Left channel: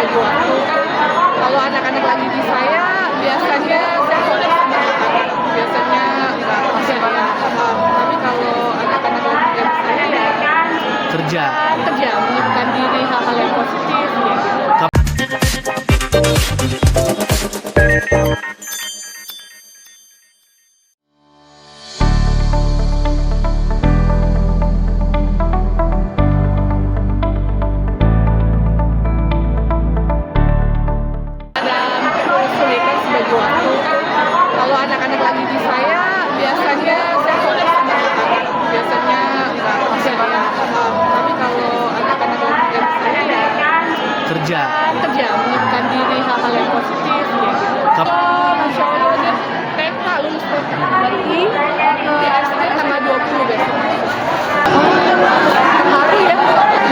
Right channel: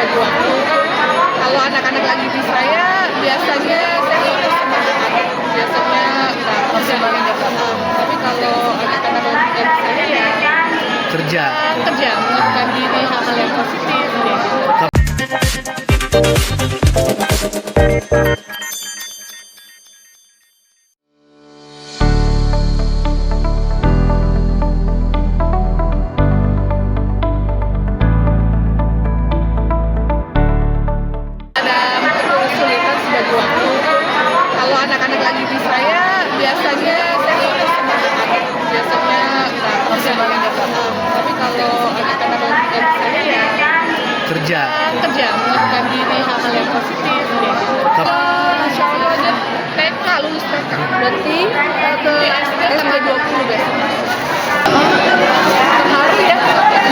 bagi waktu. Kalau anak-anak lagi di saya, biasanya saya fokus sama anak-anak. Biasanya nggak kerja ya. Tapi kalau anak-anak lagi di saya ya Kerja. kerja, menyibukkan diri hal-hal yang positif ya gitu. Ada kesulitan bagi waktu. Kalau anak-anak lagi di saya, biasanya saya fokus sama anak-anak. Biasanya nggak kerja ya. Tapi kalau anak-anak lagi di saya ya Kerja. kerja, menyibukkan diri hal-hal yang positif ya gitu. Oh, Masya Allah, dia TK, lulus TK. Berarti ke SD tanggal 20 besok. Terharu ya,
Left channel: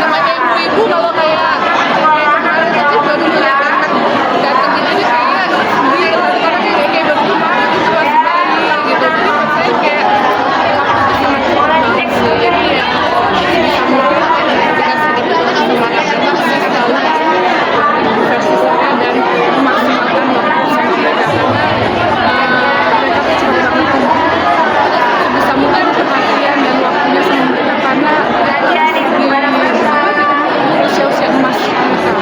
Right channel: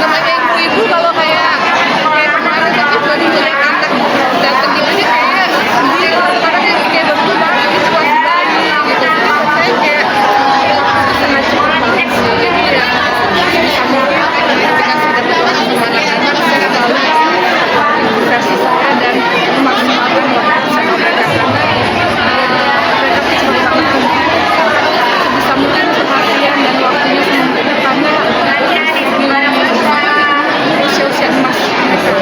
namanya ibu-ibu kalau kayak kemarin tadi baru melihat anak datang gitu aja kayak sedih, karena kayak baru kemarin gitu masih bayi gitu. Jadi buat saya kayak waktu sangat cepat banget sih. Jadi ya bisa mungkin ketika sudah bertemu sama anak-anak, saya selalu versi saya dan memaksimalkan waktu sama mereka karena mereka tuh cuma banget sebisa mungkin perhatian dan waktunya sama mereka karena di usia-usia emas mereka.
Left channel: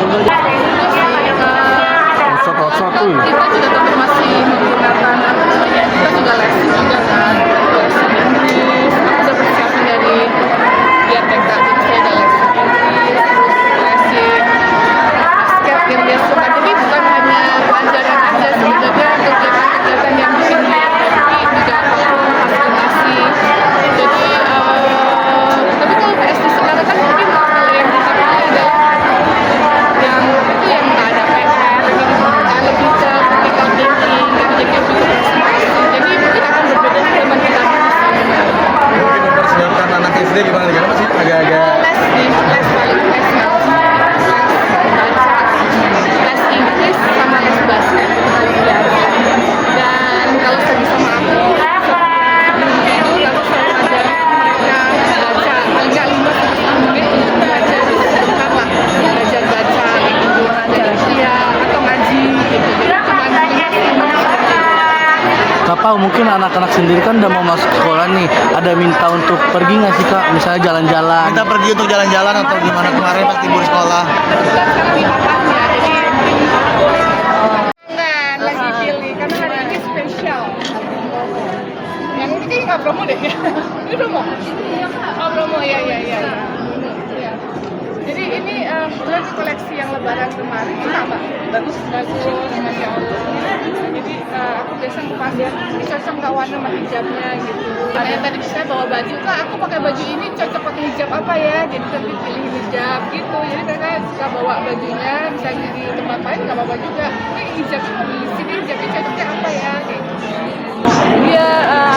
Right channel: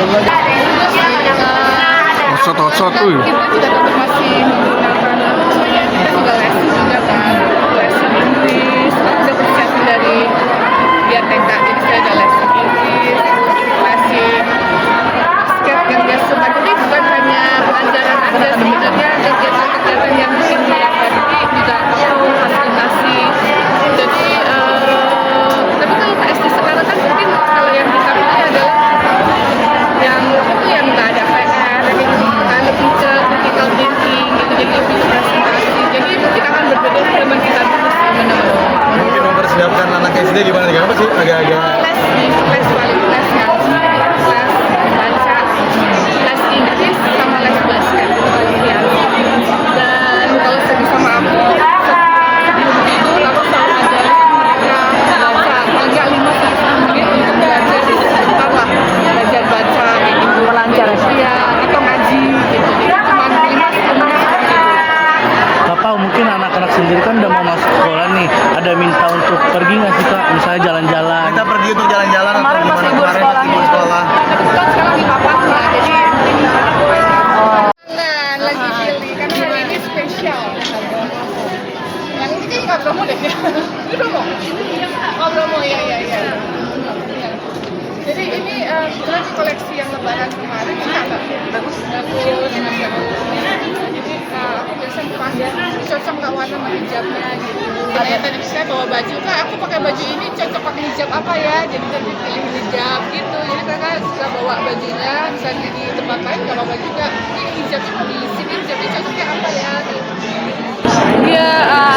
Otot-otot Kita tuh. juga tetap masih menggunakan kita juga lesi juga kan, lesi Inggris. Aku udah persiapin dari biar TK, jadi saya ada lesi Inggris, terus lesi basket yang dia suka. Jadi bukan hanya pelajaran aja, sebenarnya kegiatan-kegiatan yang bikin dia happy juga aku fasilitasi. Jadi tapi kalau ke SD sekarang kan mungkin kalau yang kita pilih adalah yang apa tuh yang nggak ada PR kayak gitu kan, lebih ke critical thinking gitu, jadi lebih ke presentasi. Jadi mungkin akan berbeda dengan kita dulu sih. Mungkin mempersiapkan anak SD gimana nih? Apa sih agak-agak Les paling les ngaji, les baca, les Inggris sama les basket kalau siang. Dan kalau lagi sama aku sebelum tidur aku selalu ngajarin mereka baca paling nggak 5-10 menit untuk belajar sebentar lah, belajar baca kayak gitu, belajar dia atau ngaji gitu. Jadi cuma 5-10 menit sebelum tidur. Bapak mungkin anak-anak sendiri kan udah mau masuk sekolah nih. Ada minta untuk pergi nggak sih Kak? Misalnya jalan-jalan. kita pergi untuk jalan-jalan atau gimana kemarin waktu di sekolah? Kebetulan sekarang di papahnya, jadi mungkin nah, lagi pilih karena hari ini spesial. Yang ini kayaknya nggak promo deh ya. Ini promo? Oh promo, ya. Jadi ini kebetulan di koleksi yang lebaran kemarin suka Mbak? Bagus, Masya Allah. Jadi aku biasa pasang, ini cocok nggak warna sama hijabnya gitu. Saya tadi bisa bawa baju, Kak aku pakai baju ini cocok pakai hijab apa ya? Jadi tadi pilih hijab gitu. Jadi mereka suka bawa bajunya, misalnya di tempat lain nggak apa-apa juga. Ini hijabnya mau di sini, hijabnya cocoknya apa ya? Gitu. Iya,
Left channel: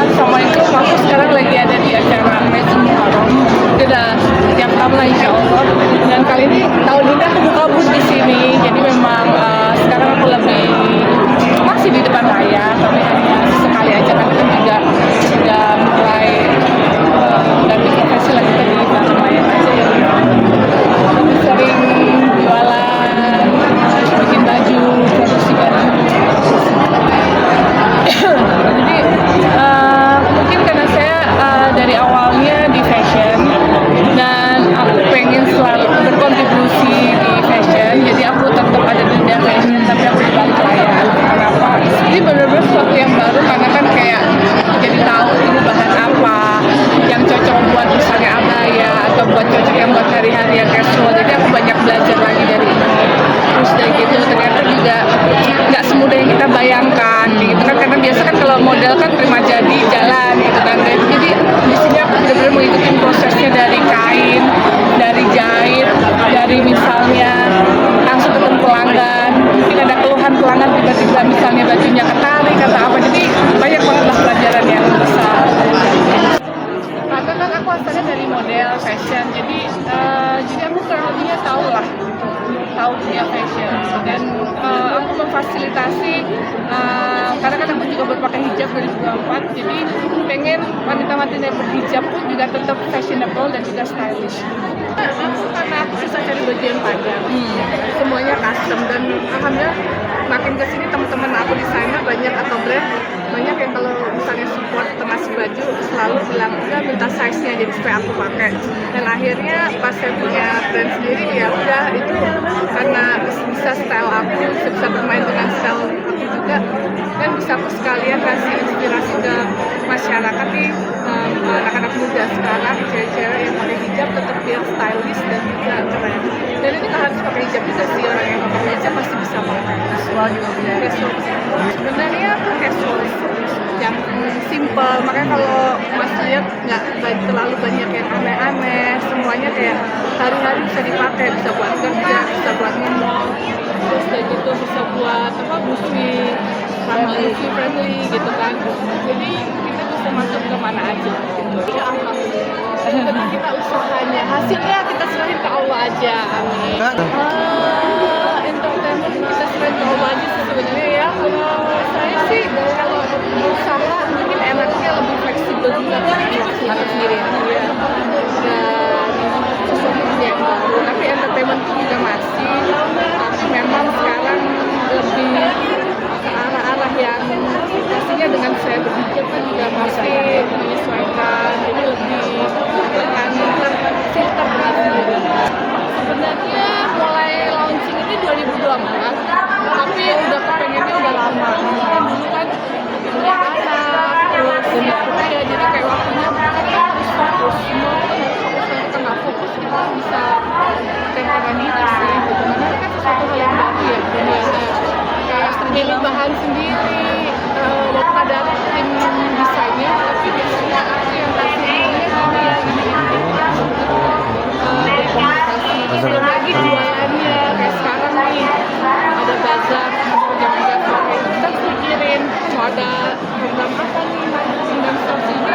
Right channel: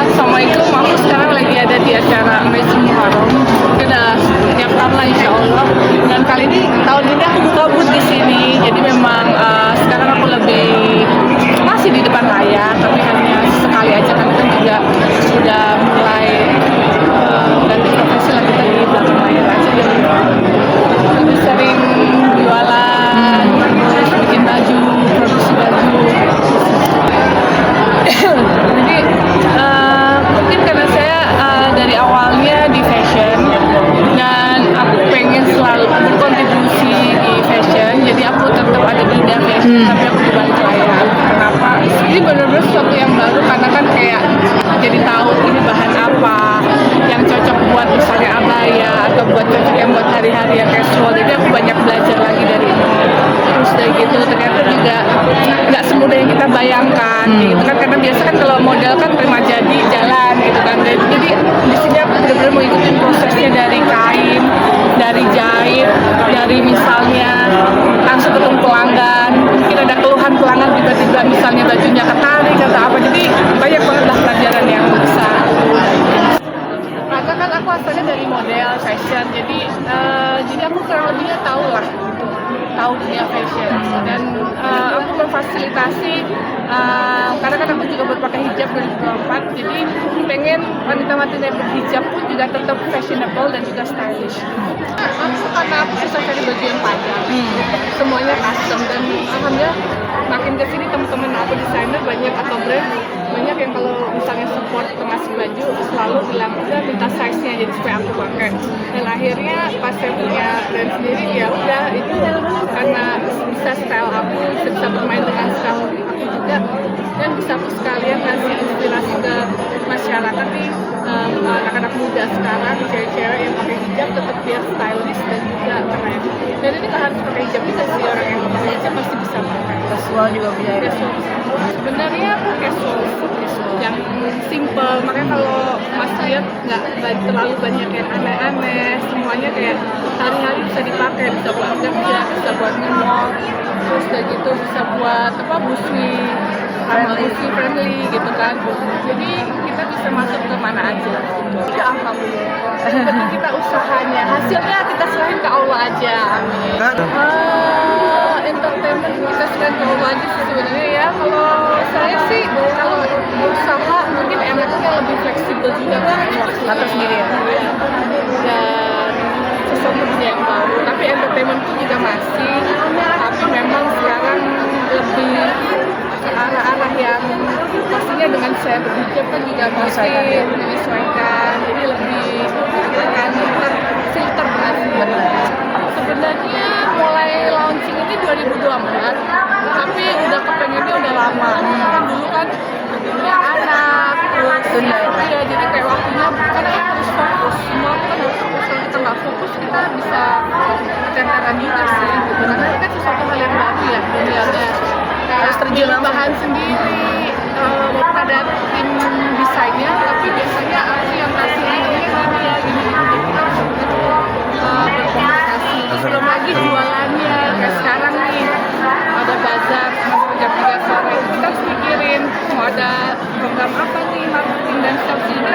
assalamualaikum. Aku sekarang lagi ada di acara Masjid Muharram. Sudah tiap tahun lah insya Allah. Dan kali ini tahun ini aku buka booth di sini. Jadi memang sekarang aku lebih masih di depan layar, tapi hanya sekali aja karena kan juga sudah mulai ganti profesi lah, kita di belakang layar aja. Lebih sering jualan, terus bikin baju, produksi baju. Jadi mungkin karena saya dari awalnya di fashion dan aku pengen selalu berkontribusi di fashion, jadi aku tetap ada di dunia fashion tapi aku di balik layar. Kenapa? Ini benar-benar sesuatu yang baru karena kan kayak jadi tahu ini bahan apa yang cocok buat misalnya abaya atau buat cocok yang buat hari-hari yang casual. Jadi aku banyak belajar lagi dari ini. Terus dari gitu ternyata juga nggak semudah yang kita bayangkan gitu kan, karena biasa kan kalau model kan terima jadi jalan gitu kan. Jadi di sini aku benar-benar mengikuti prosesnya dari kain, dari jahit, dari misalnya langsung ketemu pelanggan, mungkin ada keluhan pelanggan tiba-tiba misalnya bajunya ketarik atau apa. Jadi banyak banget lah pelajaran yang bisa karena kan aku asalnya dari model fashion, jadi aku kurang lebihnya tahu lah gitu. tahu dunia fashion gitu. Dan aku memfasilitasi karena kan aku juga berpakai hijab 2024, jadi pengen wanita-wanita yang berhijab pun juga tetap fashionable dan juga stylish. Karena aku susah cari baju yang panjang, semuanya custom, dan alhamdulillah makin kesini teman-teman aku desainer banyak atau brand banyak yang kalau misalnya support ngasih baju selalu bilang udah minta size-nya jadi supaya aku pakai. Dan akhirnya pas saya punya brand sendiri ya udah itu karena bisa style aku, bisa bermain dengan style aku juga, dan bisa aku sekalian kasih inspirasi ke masyarakat nih, anak-anak muda sekarang, cewek-cewek yang pakai hijab tetap biar stylish dan juga keren. Dan ini nggak harus pakai hijab juga sih, orang yang nggak pakai hijab pasti bisa pakai. Casual juga punya. Casual. Sebenarnya aku casual yang simple, makanya kalau Mas lihat nggak terlalu banyak yang aneh-aneh, semuanya kayak hari-hari bisa dipakai, bisa buat kerja, bisa buat mall, terus udah gitu bisa buat busui, ramah busui friendly gitu kan. Jadi kita bisa masuk ke mana aja gitu. Ya alhamdulillah. Yang penting kita usahanya, hasilnya kita serahin ke Allah aja. Amin. Entertainment kita serahin ke Allah aja sih sebenarnya ya. Kalau saya sih kalau usaha mungkin enaknya lebih fleksibel juga kan waktunya sendiri ya. Dan sesuatu yang baru. Tapi entertainment itu juga masih. Tapi memang sekarang lebih ke arah-arah yang pastinya dengan saya berhijab kan juga pasti menyesuaikan, jadi lebih akan terfilter dengan sendiri. Sebenarnya mulai launching ini 2024, tapi udah kepengennya udah lama. Kan dulu kan punya anak, terus ya jadi kayak waktunya karena kan harus fokus, semua kan harus fokus. Kalau kita nggak fokus kita bisa tekan diri sih gitu. Karena ini kan sesuatu hal yang baru ya dunianya. Kayak terjadi bahan sendiri, walaupun ada tim desainnya, tapi biasanya aku yang kasih ini ya gini. Kita benar-benar berkomunikasi. Belum lagi jualannya, kayak sekarang nih ada bazar jam 3 sore. Kita harus pikirin mau ada program apa nih, marketing dan sales ini.